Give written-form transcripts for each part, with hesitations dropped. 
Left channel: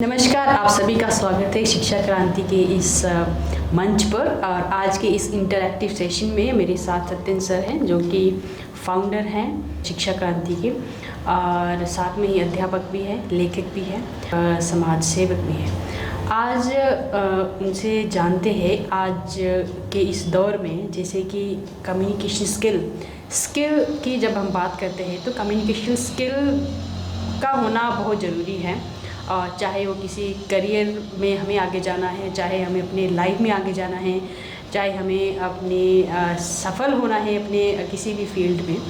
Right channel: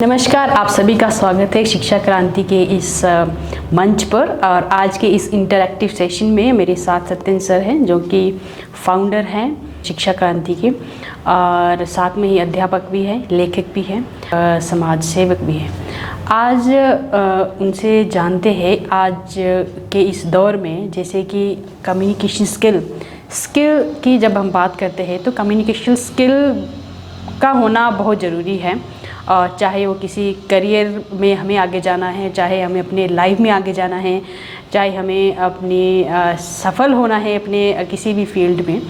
नमस्कार, आप सभी का स्वागत है शिक्षा क्रांति के इस मंच पर। और आज के इस इंटरैक्टिव सेशन में मेरे साथ सत्येंद्र सर हैं, जो कि फाउंडर हैं शिक्षा क्रांति के, और साथ में ही अध्यापक भी हैं, लेखक भी हैं, समाज सेवक भी हैं। आज उनसे जानते हैं, आज के इस दौर में जैसे कि कम्युनिकेशन स्किल की जब हम बात करते हैं तो कम्युनिकेशन स्किल का होना बहुत ज़रूरी है। और चाहे वो किसी करियर में हमें आगे जाना है, चाहे हमें अपने लाइफ में आगे जाना है, चाहे हमें अपने सफल होना है अपने किसी भी फील्ड में,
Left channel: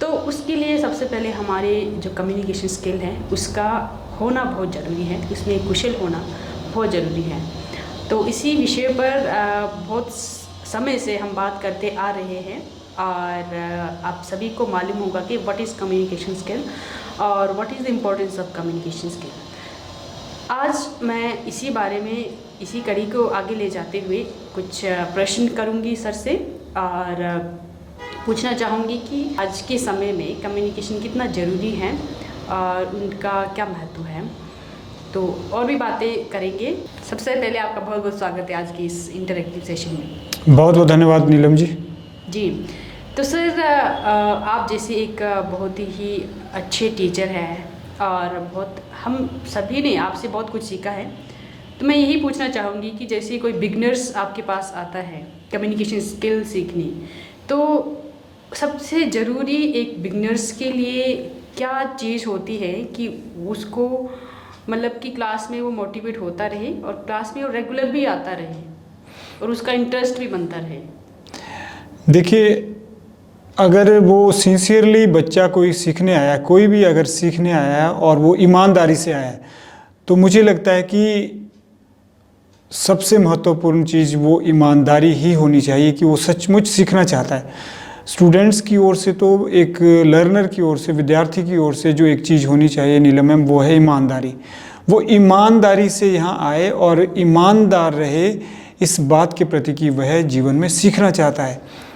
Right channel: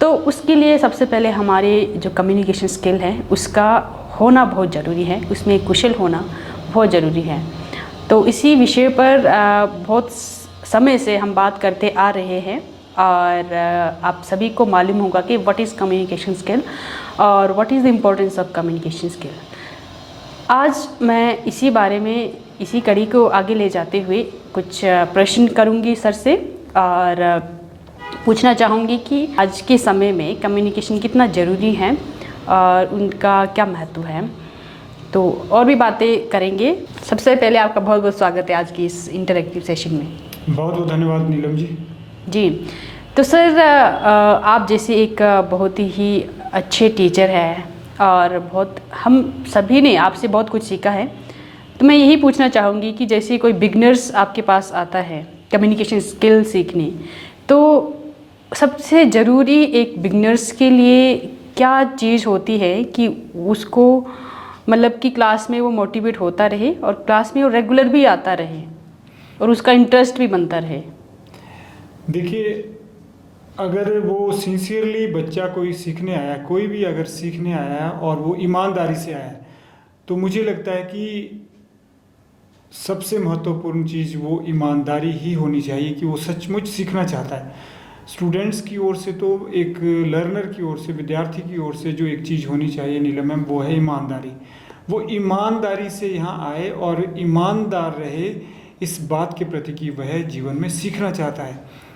तो उसके लिए सबसे पहले हमारे जो कम्युनिकेशन स्किल है उसका होना बहुत ज़रूरी है, उसमें कुशल होना बहुत ज़रूरी है। तो इसी विषय पर बहुत समय से हम बात करते आ रहे हैं, और आप सभी को मालूम होगा कि व्हाट इज़ कम्युनिकेशन स्किल और what is the importance of communication skill. आज मैं इसी बारे में, इसी कड़ी को आगे ले जाते हुए कुछ प्रश्न करूंगी सर से, और पूछना चाहूँगी कि आज के समय में कम्युनिकेशन कितना ज़रूरी है और उनका क्या महत्व है। तो और भी बातें करेंगे। सबसे पहले आपका बहुत बहुत स्वागत है आज की इस इंटरैक्टिव सेशन में। बहुत बहुत धन्यवाद नीलम जी। जी, तो सर आप जैसे एक बहुत ही अच्छे टीचर हैं और बहुत हम सभी ने आपसे बहुत कुछ सीखा है, तो मैं यही पूछना चाहूँगी कि जैसे कोई बिगनर्स आपके पास आता है कम्युनिकेशन स्किल सीखने, तो सबसे ज़रूरी एक बिगनर्स के लिए क्या चीज़ होती है कि उसको मतलब कि क्लास में वो मोटिवेट होता रहे और क्लास में वो रेगुलर भी आता रहे और उसका इंटरेस्ट भी बनता रहे। देखिए, अगर वो सिंसियरली बच्चा कोई सीखने आया, कोई भी अगर सीखने आया है और वो ईमानदारी से आया है, तो मुझे लगता है कि सबसे महत्वपूर्ण चीज़ वो ईमानदारी ही होनी चाहिए कि वो सचमुच सीखना चाहता है। स्टूडेंट्स की ओर से तो एक लर्नर की ओर से, विद्यार्थी की ओर से जो एक चीज़ होनी चाहिए नीलम मैम, वो है ईमानदारी। वो ईमानदारी से यहाँ आए और ईमानदार रहे इस बात के प्रति कि वह जीवन में सीखना चाहता है।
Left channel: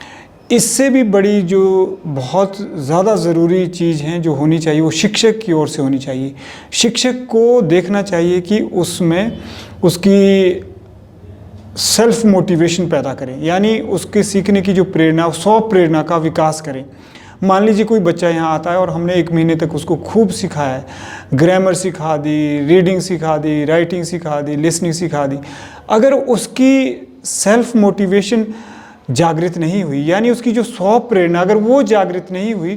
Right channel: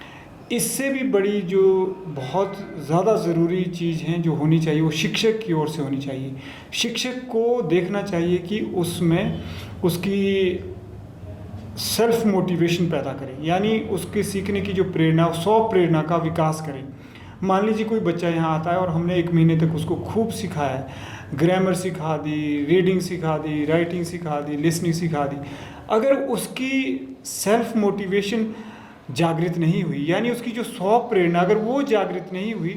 इससे भी बड़ी जो बहुत ज़्यादा ज़रूरी चीज़ है जो होनी चाहिए, वो शिक्षक की ओर से होनी चाहिए। शिक्षक को देखना चाहिए कि उसमें उसकी सेल्फ मोटिवेशन पैदा करें, यानी उसके सीखने की जो प्रेरणा, स्व प्रेरणा का विकास करें। मान लीजिए कोई बच्चा यहाँ आता है और हमने 1 महीने तक उसको खूब सिखाया है, ग्रामर सिखा दी, रीडिंग सिखा दी, राइटिंग सिखा दी, लिसनिंग सिखा दी। अगर उसकी सेल्फ मोटिवेशन जागृत नहीं हुई, यानी उसकी जो स्व प्रेरणा अगर वो जागृत नहीं हुई,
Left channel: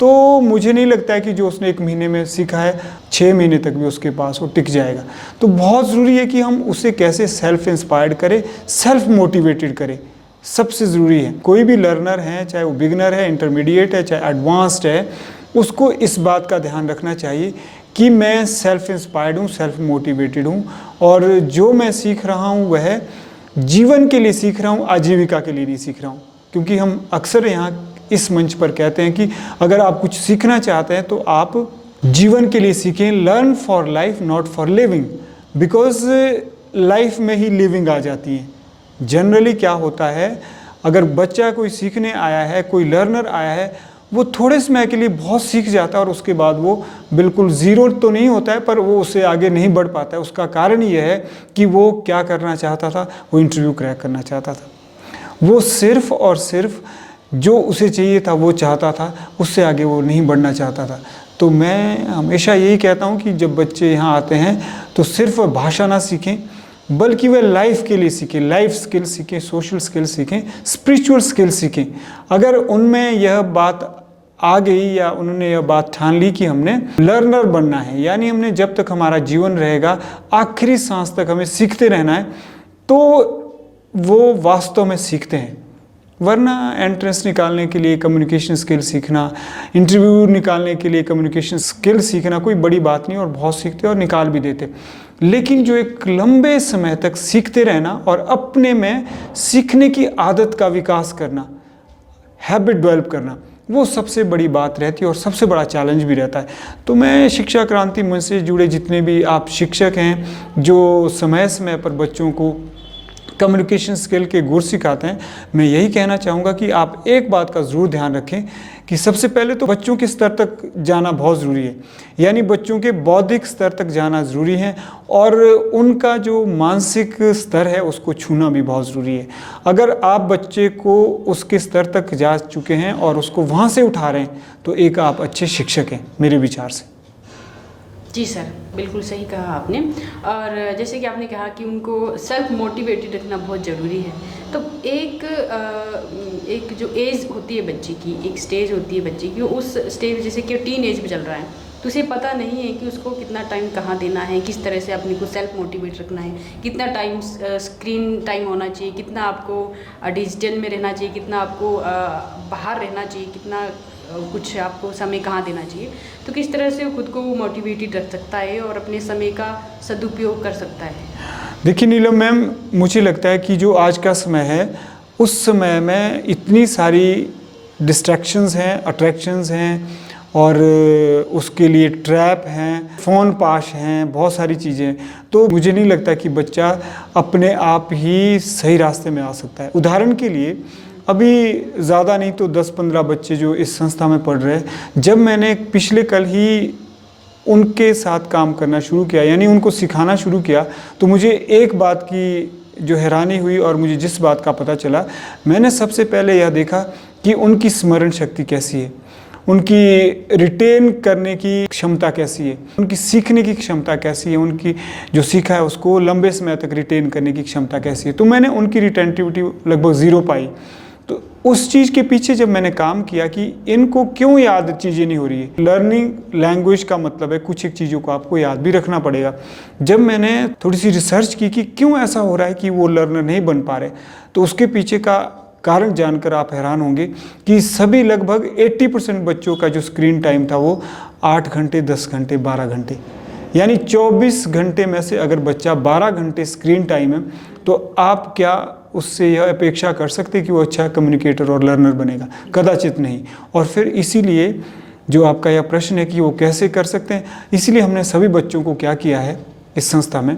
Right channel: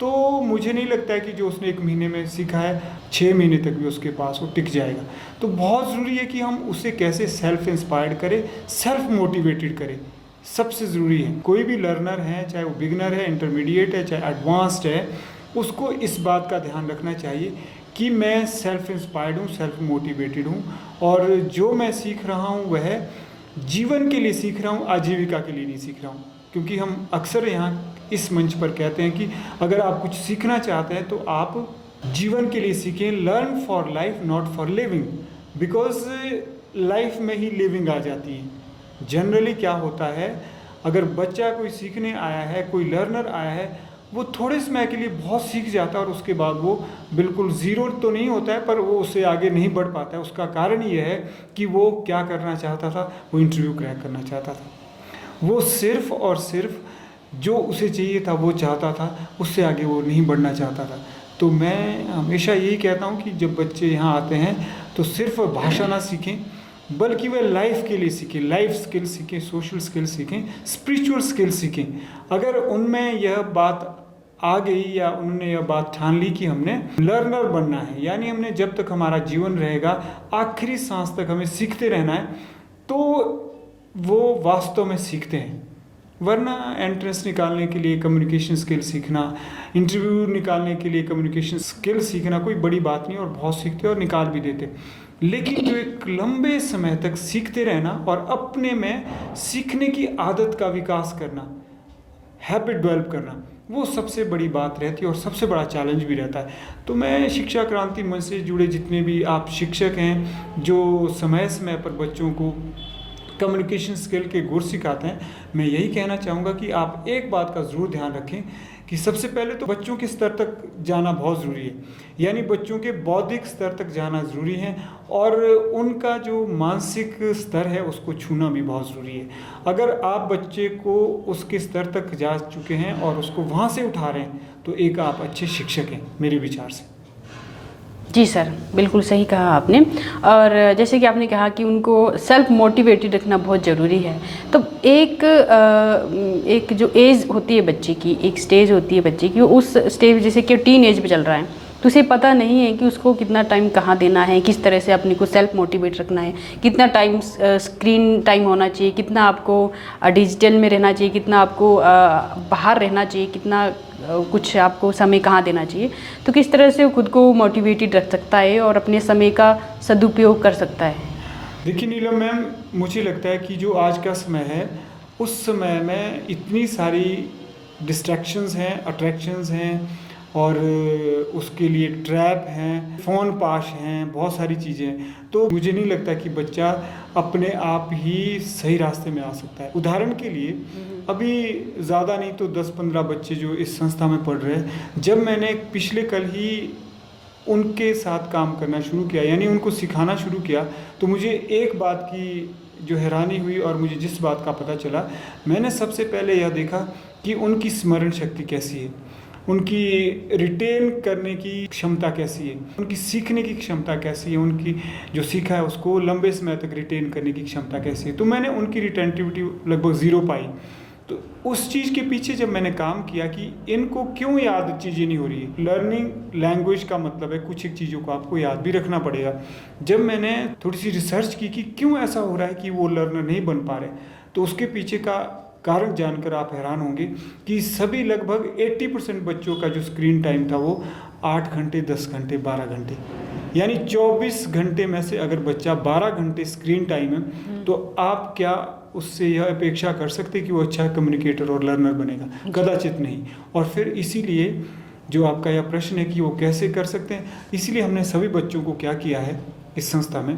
तो मुझे नहीं लगता है कि जो उसने 1 महीने में सीखा है 6 महीने तक भी उसके पास वो टिक जाएगा। तो बहुत ज़रूरी है कि हम उसे कैसे सेल्फ इंस्पायर्ड करें, सेल्फ मोटिवेटेड करें, सबसे ज़रूरी है। कोई भी लर्नर है, चाहे वो बिगनर है, इंटरमीडिएट है, चाहे एडवांस्ड है, उसको इस बात का ध्यान रखना चाहिए कि मैं सेल्फ इंस्पायर्ड हूँ, सेल्फ मोटिवेटेड हूँ, और जो मैं सीख रहा हूँ वह जीवन के लिए सीख रहा हूँ, आजीविका के लिए नहीं सीख रहा हूँ। क्योंकि हम अक्सर यहाँ इस मंच पर कहते हैं कि अगर आप कुछ सीखना चाहते हैं तो आप जीवन के लिए सीखें। Learn for life, not for living, because life में ही लिविंग आ जाती है। जनरली क्या होता है, अगर बच्चा कोई सीखने आया है, कोई लर्नर आया है, वो थोड़े समय के लिए बहुत सीख जाता है और उसके बाद वो बिल्कुल ज़ीरो तो नहीं होता है, पर वो उससे आगे नहीं बढ़ पाता है। उसका कारण ये है कि वो क्या करना चाहता था, वो इंटरव्यू क्रैक करना चाहता था। वो सिर्फ़ और सिर्फ जो उसे चाहिए था वो चाहता था, उससे आगे वो नहीं बढ़ना चाहता था। तो मैं हमेशा यही कहता हूँ कि जब बच्चे यहाँ आते हैं तो सिर्फ भाषा ना सीखें, बल्कि वह लाइफ के लिए सीखें, लाइफ स्किल सीखें, सोशल स्किल सीखें, स्पिरिचुअल स्किल सीखें। अगर उनमें यह बात आ गई या उन्होंने यह बात ठान ली कि हमने लर्नर बनना है, यानी हमने जब तक हमारा जीवन रहेगा, आखिरी सांस तक हमें सीखते रहना है, तो वो वास्तव में सीखते हैं। वरना एंट्रेंस निकालने के लिए कम्युनिकेशन स्किल सीखना, इंटरव्यू निकालने के लिए कम्युनिकेशन स्किल सीखना कोई बड़ी बात नहीं, और बहुत सीखते और निकाल भी देते। लेकिन जो एक लंबे समय तक सीखते रहना और अपने में सीखने की आदत का विकास करना, हैबिट डेवलप करना, वो सबसे बड़ी बात रहती है और सबसे बड़ा चैलेंज भी रहता है। तो मैं शिक्षा क्रांति मंच से जुड़े जितने भी आप शिक्षक हैं जो समय समय पर बच्चों को कम्युनिकेशन स्किल के गुर सिखाते हैं। मैं यही कहना चाहूँगा कि आप एक बात का ज़रूर ध्यान रखें कि सबसे पहले तो बच्चों के स्तर तक जाना बहुत ज़रूरी है, यानी बच्चों के बौद्धिक स्तर तक जाना ज़रूरी है और उनका जो मानसिक स्तर है उसको छूना भी बहुत ज़रूरी है। अगर आप बच्चे को उसके स्तर तक जा चुके हैं और उसको वहाँ से उठा रहे हैं तो एक आप अच्छे शिक्षक हैं मेरे विचार से। जी सर, बिल्कुल सही कहा आपने। और जैसे कि आपने कहा कि उनको सेल्फ मोटिवेटेड रखना बहुत ज़रूरी है। तो एक जो एज होती है बच्चे की, एक स्टेज होती है बच्चे की, उस स्टेज जैसे कि टीन एज पे चल रहा है तो उसे पता नहीं है कि उसको कितना टाइम कहाँ देना है, किस तरह से अपने को सेल्फ मोटिवेट रखना है, कितना टाइम स्क्रीन टाइम होना चाहिए, कितना आपको डिजिटल में रहना चाहिए, कितना आपको बाहर रहना चाहिए, कितना कुछ आपको समय कहाँ देना चाहिए। तो किस तरह से वो खुद को मोटिवेटेड रख सकता है और अपने समय का सदुपयोग कर सकता है। देखिए नीलम मैम, मुझे लगता है कि जो आज का समय है उस समय में इतनी सारी डिस्ट्रैक्शंस हैं, अट्रैक्शंस हैं और उसके लिए ट्रैप हैं, फ़ोन पाश हैं, बहुत सारी चीज़ें। तो मुझे नहीं लगता कि बच्चा अपने आप ही सही रास्ते में आ सकता है। उदाहरण के लिए अभी ज़्यादा नहीं तो 10-15 बच्चे जो इस संस्था में पढ़ रहे हैं, जब मैंने पिछले कल ही उनके साथ काम करना शुरू किया, यानी उनको सिखाना शुरू किया, तो मुझे एक बात की जो हैरानी हुई और मुझे जिस बात का पता चला, मैंने सबसे पहले यह देखा कि उनकी स्मरण शक्ति कैसी है, उनकी रिटेन करने की क्षमता कैसी है, उनकी सीखने की क्षमता कैसी है, उनकी जो सीखा है उसको लंबे समय तक रिटेन करने की क्षमता कैसी है। तो मैंने उनकी रिटेंटिविटी लगभग 0 पाई। तो उस चीज़ के पीछे जब मैंने काम किया कि इनको क्यों याद चीज़ें नहीं हो रही है। लर्निंग लैंग्वेज का मतलब है कुछ एक चीज़ों को आपको याद भी रखना पड़ेगा। जब मैंने थोड़ी सी रिसर्च की कि क्यों ऐसा हो रहा है कि वो लर्नर नहीं बन पा रहे, तो उसके पीछे का कारण जानकर आप हैरान होंगे कि सभी लगभग 80% बच्चों का जो स्क्रीन टाइम था वो 8 घंटे, 10 घंटे, 12 घंटे, यानी 24 घंटे में से अगर बच्चा 12 घंटे स्क्रीन टाइम है तो आप क्या उससे यह अपेक्षा कर सकते कि वो अच्छा कम्युनिकेटर और लर्नर बनेगा? कदाचित नहीं। और फिर इसीलिए जो आपका यह प्रश्न है कि वो कैसे कर सकते हैं, इसीलिए हमने सभी बच्चों को क्या किया है इस संस्था में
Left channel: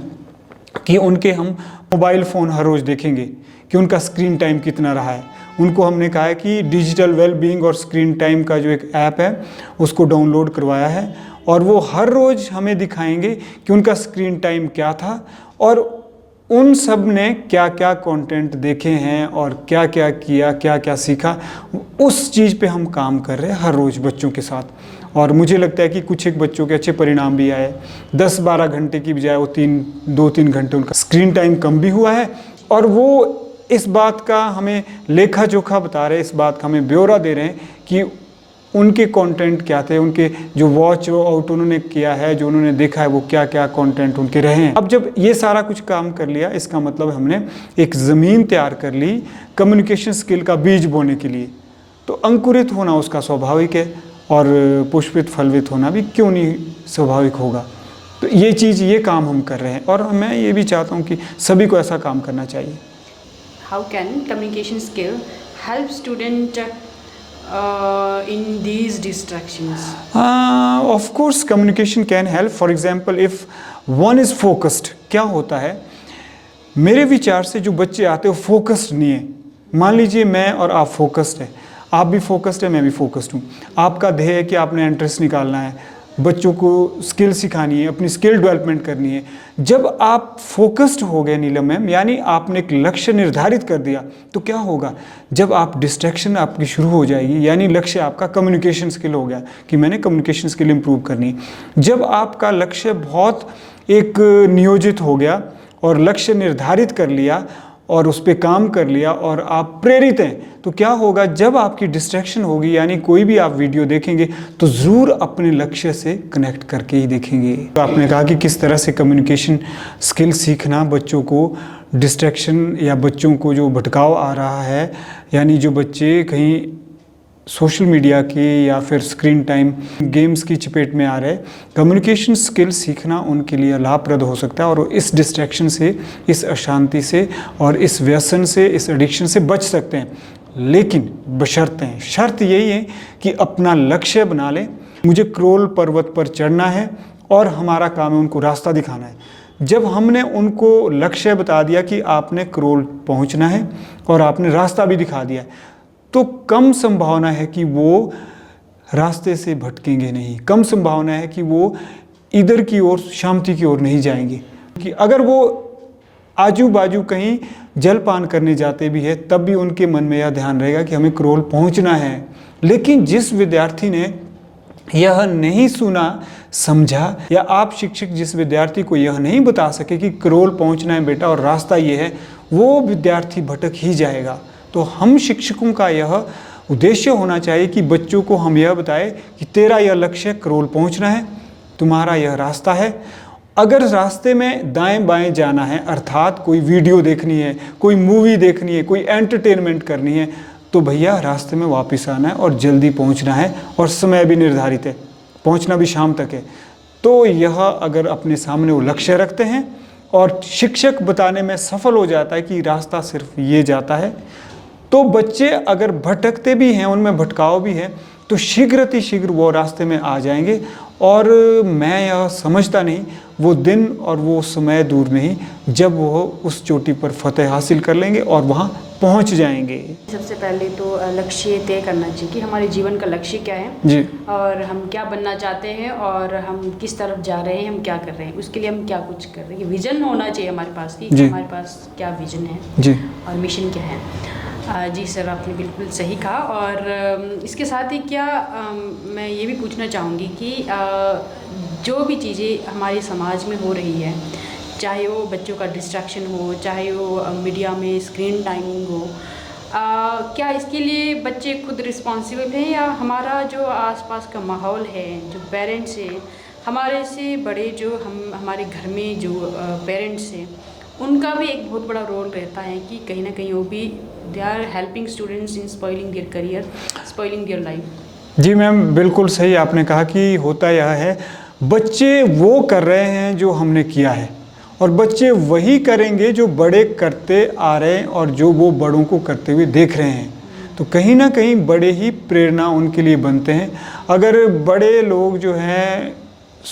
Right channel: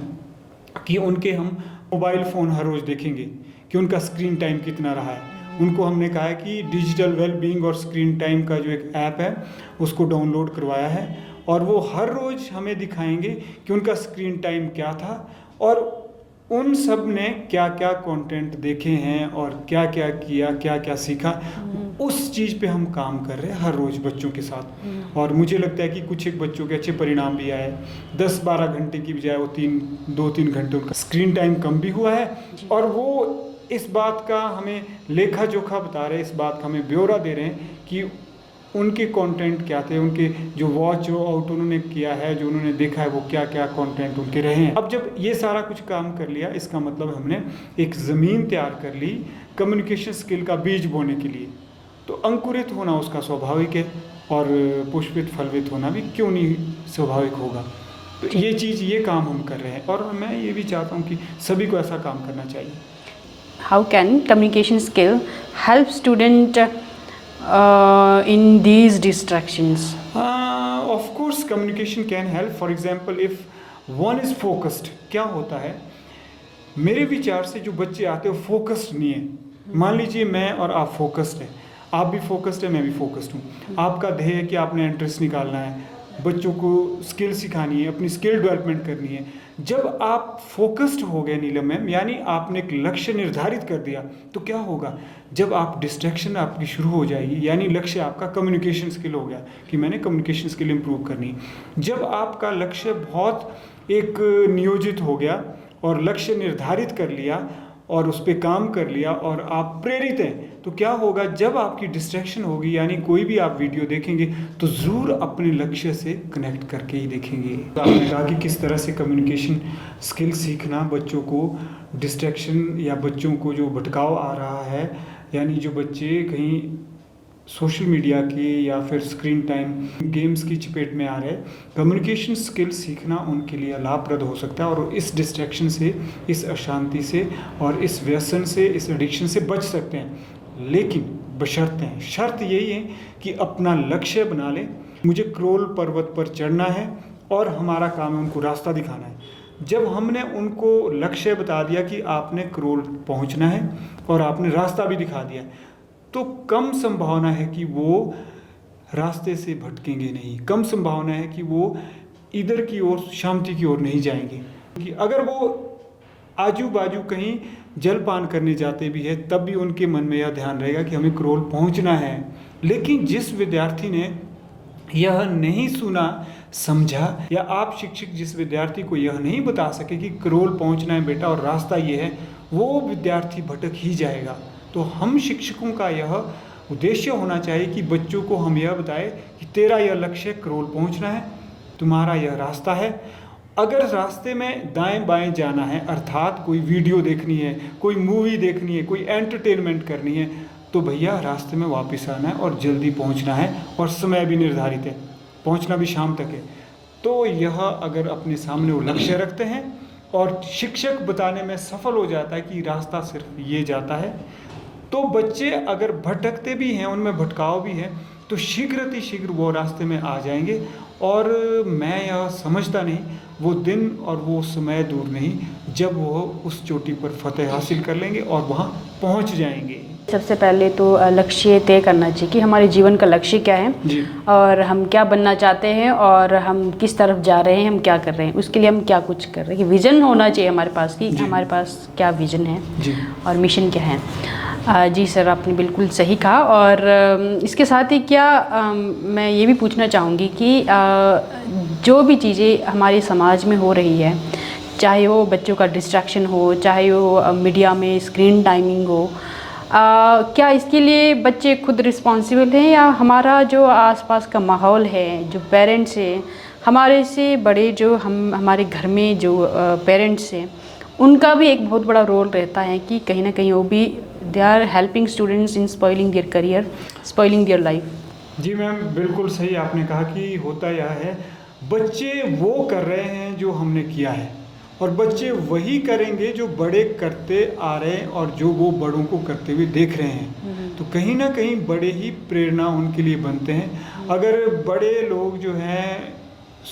कि उनके हम मोबाइल फ़ोन हर रोज़ देखेंगे कि उनका स्क्रीन टाइम कितना रहा है। उनको हमने कहा है कि डिजिटल वेलबींग और स्क्रीन टाइम का जो एक ऐप है उसको डाउनलोड करवाया है और वो हर रोज़ हमें दिखाएंगे कि उनका स्क्रीन टाइम क्या था और उन सब ने क्या क्या कंटेंट देखे हैं और क्या क्या किया, क्या क्या सीखा। उस चीज़ पे हम काम कर रहे हैं हर रोज़ बच्चों के साथ और मुझे लगता है कि कुछ एक बच्चों के अच्छे परिणाम भी आए। 10-12 घंटे की बजाय वो 2-3 घंटे उनका स्क्रीन टाइम कम भी हुआ है और वो इस बात का हमें लेखा जोखा बता रहे हैं, इस बात का हमें ब्यौरा दे रहे हैं कि उनके कंटेंट क्या थे, उनके जो वॉच आउट उन्होंने किया है, जो उन्होंने देखा है वो क्या क्या कंटेंट उनके रहे हैं। अब जब ये सारा कुछ काम कर लिया, इसका मतलब हमने एक ज़मीन तैयार कर ली कम्युनिकेशन स्किल का बीज बोने के लिए। तो अंकुरित होना उसका स्वाभाविक है और पुष्पित फलवित होना भी क्यों नहीं स्वाभाविक होगा। तो ये चीज़, ये काम हम कर रहे हैं और मैं ये भी चाहता हूँ कि सभी को ऐसा काम करना चाहिए। How can communication skill help student in these distractions? Of course communication can help. For example, if one is focused, क्या होता है, मेरे विचार से जो बच्चे आते हैं वो फोकस्ड नहीं है। मान लीजिए मैं और आप फोकस्ड हैं, आप भी फोकस्ड है, मैं भी फोकस्ड हूँ। आपका ध्येय है कि आपने एंट्रेंस निकालना है, बच्चों को स्किल सिखानी है, अपनी स्किल डेवलपमेंट करनी है। जब आप फोकस्ड हो गए नीलम मैम, यानी आपने एक लक्ष्य निर्धारित कर दिया, तो क्या होगा, जब आप डिस्ट्रैक्शन आपकी शुरू हो जाएगी, यानी लक्ष्य आपका कम्युनिकेशन स्किल हो गया कि मैंने कम्युनिकेशन स्किल इंप्रूव करनी है। जब आपका लक्ष्य बहुत एक नियोजित हो गया और लक्ष्य निर्धारित कर लिया और उस पर काम कर लिया और आप प्रेरित हैं, तो क्या होगा, जब आपकी डिस्ट्रैक्शन होगी, यानी कोई भी आप वीडियो देखेंगे तो ज़रूर अपने लक्ष्य से कनेक्ट करके ही देखेंगे। तो आपने कहा कि किस तरह से कम्युनिकेशन स्किल सीखना बच्चों को डिस्ट्रैक्शन या बच्चों को जो भटकाव आ रहा है, यानी जो बच्चे कहीं सोशल मीडिया के या फिर स्क्रीन टाइम गेम्स की चपेट में आ रहे, कम्युनिकेशन स्किल सीखना उनके लिए लाभप्रद हो सकता है और इस डिस्ट्रैक्शन से, इस अशांति से और इस व्यसन से, इस एडिक्शन से बच सकते हैं। लेकिन बशर्तें, शर्त यही है कि अपना लक्ष्य बना लें। मुझे क्रोल पर्वत पर चढ़ना है और हमारा काम है उनको रास्ता दिखाना है। जब हमने उनको लक्ष्य बता दिया कि आपने करोल पहुंचना है और आपने रास्ता भी दिखा दिया है, तो कम संभावना है कि वो रास्ते से भटकेंगे नहीं, कम संभावना है कि वो इधर की ओर शांति की ओर नहीं जाएंगे। कि अगर वो आजू बाजू कहीं जलपान करने जाते भी है तब भी उनके मन में यह ध्यान रहेगा कि हमें करोल पहुंचना है। लेकिन जिस विद्यार्थी ने यह नहीं सुना समझा, या आप शिक्षक जिस विद्यार्थी को यह नहीं बता सके कि करोल पहुंचना है बेटा और रास्ता ये है, वो विद्यार्थी भटक ही जाएगा। तो हम शिक्षकों का यह उद्देश्य होना चाहिए कि बच्चों को हम यह बताएं कि तेरा यह लक्ष्य करोल पहुंचना है, तुम्हारा यह रास्ता है। अगर रास्ते में दाएं बाएं जाना है, अर्थात कोई वीडियो देखनी है, कोई मूवी देखनी है, कोई एंटरटेनमेंट करनी है, तो भैया रास्ते में वापस आना है और जल्दी पहुंचना है, और समय भी निर्धारित है, पहुंचना भी शाम तक है। तो यह अगर अपने सामने वो लक्ष्य रखते हैं और शिक्षक बताने में सफल हो जाता है कि रास्ता सिर्फ ये जाता है, तो बच्चे अगर भटकते भी हैं, उनमें भटकाव भी है, तो शीघ्र वो रास्ते में आ जाएंगे। और मैं यह समझता नहीं वो दिन और वो समय दूर नहीं जब वो उस चोटी पर फतेह हासिल कर लेंगे और वहाँ पहुँच जाएंगे। सबसे पहले तो लक्ष्य तय करना चाहिए कि हमारे जीवन का लक्ष्य क्या है जी। और हम क्या बनना चाहते हैं और हम किस तरफ जा रहे हैं, हम क्या कर रहे हैं, उसके लिए हम क्या कुछ कर रहे हैं। विज़न होना चाहिए हमारे पास कि हमारे पास क्या विज़न है जी। और मिशन क्या है। जी सर, आपने बिल्कुल सही कहा। और इसके साथ ही क्या मैं ये भी पूछना चाहूँगी कि जो भी चीज़ें हमारे समाज में हो रही है, चाहे वो बच्चों का डिस्ट्रैक्शन हो, चाहे वो मीडिया में स्क्रीन टाइमिंग हो, क्या इसके लिए बच्चे खुद रिस्पॉन्सिबल हैं या हमारा जो आसपास का माहौल है, जो पेरेंट्स हैं, हमारे से बड़े जो हमारे घर में जो पेरेंट्स हैं, उनका भी एक बहुत बड़ा रोल रहता है कि कहीं ना कहीं वो भी they are helping students in spoiling their career, spoiling their life. जी मैम, बिल्कुल सही आपने कहा कि होता यह है, बच्चे वो कर रहे हैं जो हमने किया है और बच्चे वही करेंगे जो बड़े करते आ रहे हैं और जो वो बड़ों को करते हुए देख रहे हैं। तो कहीं ना कहीं बड़े ही प्रेरणा उनके लिए बनते हैं। अगर बड़े लोग जो हैं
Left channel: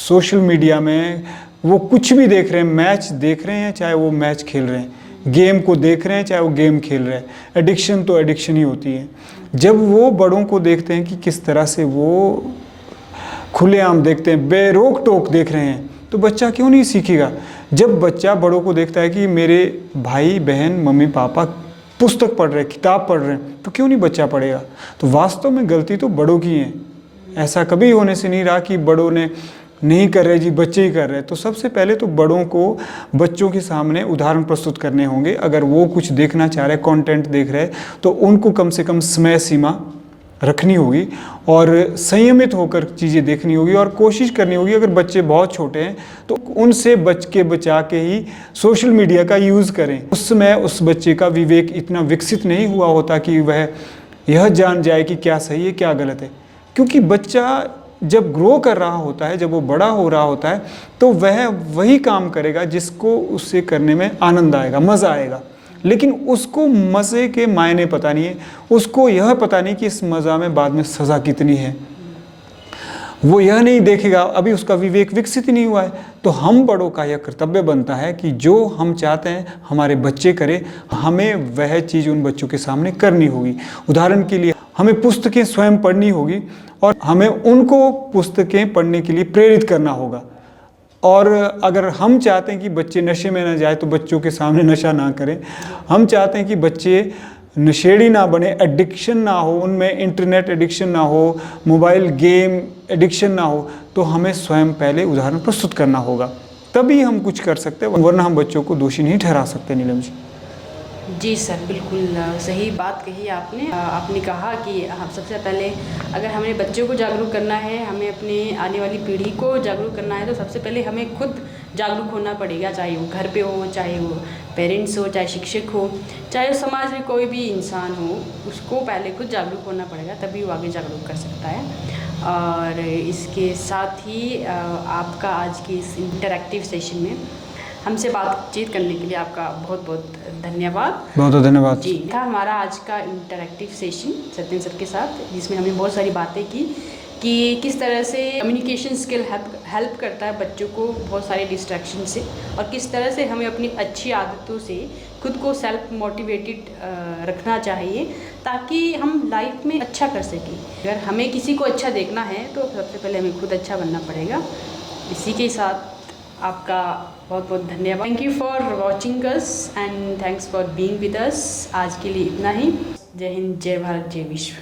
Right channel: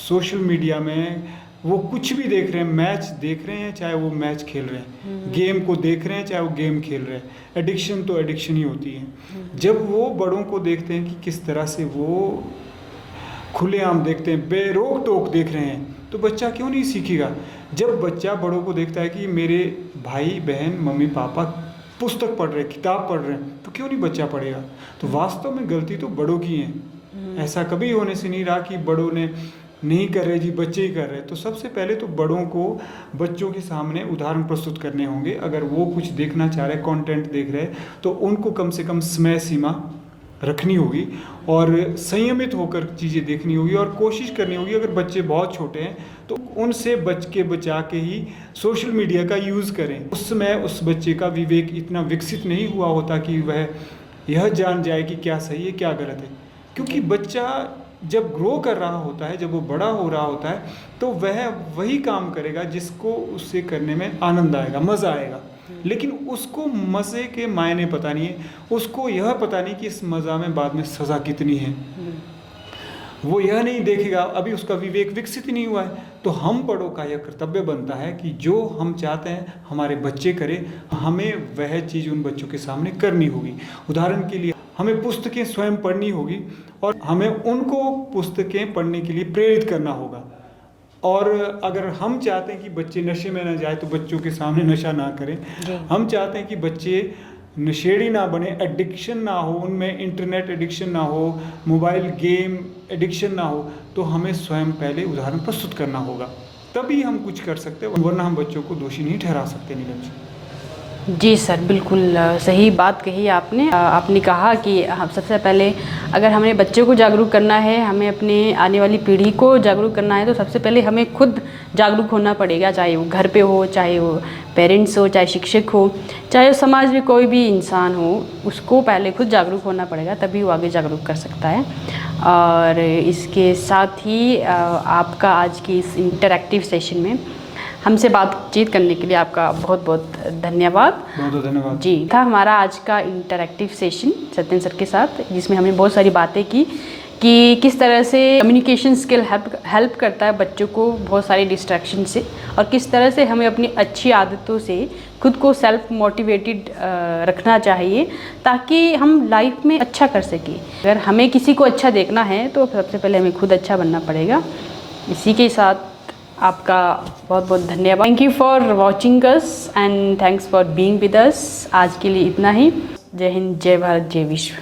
सोशल मीडिया में वो कुछ भी देख रहे हैं, मैच देख रहे हैं चाहे वो मैच खेल रहे हैं, गेम को देख रहे हैं चाहे वो गेम खेल रहे हैं, एडिक्शन तो एडिक्शन ही होती है। जब वो बड़ों को देखते हैं कि किस तरह से वो खुलेआम देखते हैं, बेरोक टोक देख रहे हैं, तो बच्चा क्यों नहीं सीखेगा। जब बच्चा बड़ों को देखता है कि मेरे भाई बहन मम्मी पापा पुस्तक पढ़ रहे हैं, किताब पढ़ रहे हैं, तो क्यों नहीं बच्चा पढ़ेगा। तो वास्तव में गलती तो बड़ों की है। ऐसा कभी होने से नहीं रहा कि बड़ों ने नहीं कर रहे जी, बच्चे ही कर रहे। तो सबसे पहले तो बड़ों को बच्चों के सामने उदाहरण प्रस्तुत करने होंगे। अगर वो कुछ देखना चाह रहे, कंटेंट देख रहे, तो उनको कम से कम समय सीमा रखनी होगी और संयमित होकर चीज़ें देखनी होगी और कोशिश करनी होगी। अगर बच्चे बहुत छोटे हैं तो उनसे बचा के ही सोशल मीडिया का यूज़ करें। उस समय उस बच्चे का विवेक इतना विकसित नहीं हुआ होता कि वह यह जान जाए कि क्या सही है क्या गलत है। क्योंकि बच्चा जब ग्रो कर रहा होता है, जब वो बड़ा हो रहा होता है, तो वह वही काम करेगा जिसको उससे करने में आनंद आएगा, मज़ा आएगा। लेकिन उसको मज़े के मायने पता नहीं है, उसको यह पता नहीं कि इस मज़ा में बाद में सज़ा कितनी है। वो यह नहीं देखेगा, अभी उसका विवेक विकसित ही नहीं हुआ है। तो हम बड़ों का यह कर्तव्य बनता है कि जो हम चाहते हैं हमारे बच्चे करें, हमें वह चीज़ उन बच्चों के सामने करनी होगी। उदाहरण के लिए हमें पुस्तकें स्वयं पढ़नी होगी और हमें उनको पुस्तकें पढ़ने के लिए प्रेरित करना होगा। और अगर हम चाहते हैं कि बच्चे नशे में ना जाए तो बच्चों के सामने नशा ना करें। हम चाहते हैं कि बच्चे नशेड़ी ना बने, एडिक्शन ना हो, उनमें इंटरनेट एडिक्शन ना हो, मोबाइल गेम एडिक्शन ना हो, तो हमें स्वयं पहले उदाहरण प्रस्तुत करना होगा, तभी हम कुछ कर सकते हैं, वरना हम बच्चों को दोषी नहीं ठहरा सकते। नीलम जी। जी सर, बिल्कुल सही बात कही आपने। आपने कहा कि हम सबसे पहले अगर हमें बच्चों को जागरूक करना है, हमें अपने आने वाली पीढ़ी को जागरूक करना है, तो सबसे पहले हमें खुद जागरूक होना पड़ेगा। चाहे वो घर पे हो, चाहे वो पेरेंट्स हो, चाहे शिक्षक हो, चाहे समाज में कोई भी इंसान हो, उसको पहले खुद जागरूक होना पड़ेगा, तभी वो आगे जागरूक कर सकता है। और इसके साथ ही आपका आज की इस इंटरैक्टिव सेशन में हमसे बातचीत करने के लिए आपका बहुत बहुत धन्यवाद। बहुत बहुत धन्यवाद जी। था हमारा आज का इंटरैक्टिव सेशन सत्यन सर के साथ, जिसमें हमने बहुत सारी बातें की कि किस तरह से कम्युनिकेशन स्किल हेल्प करता है बच्चों को बहुत सारी डिस्ट्रैक्शन से, और किस तरह से हमें अपनी अच्छी आदतों से खुद को सेल्फ मोटिवेटेड रखना चाहिए ताकि हम लाइफ में अच्छा कर सकें। अगर हमें किसी को अच्छा देखना है तो सबसे पहले हमें खुद अच्छा बनना पड़ेगा। इसी के साथ आपका बहुत बहुत धन्यवाद। Thank you for watching us and thanks for being with us. आज के लिए इतना ही। जय हिंद, जय भारत, जय विश्व।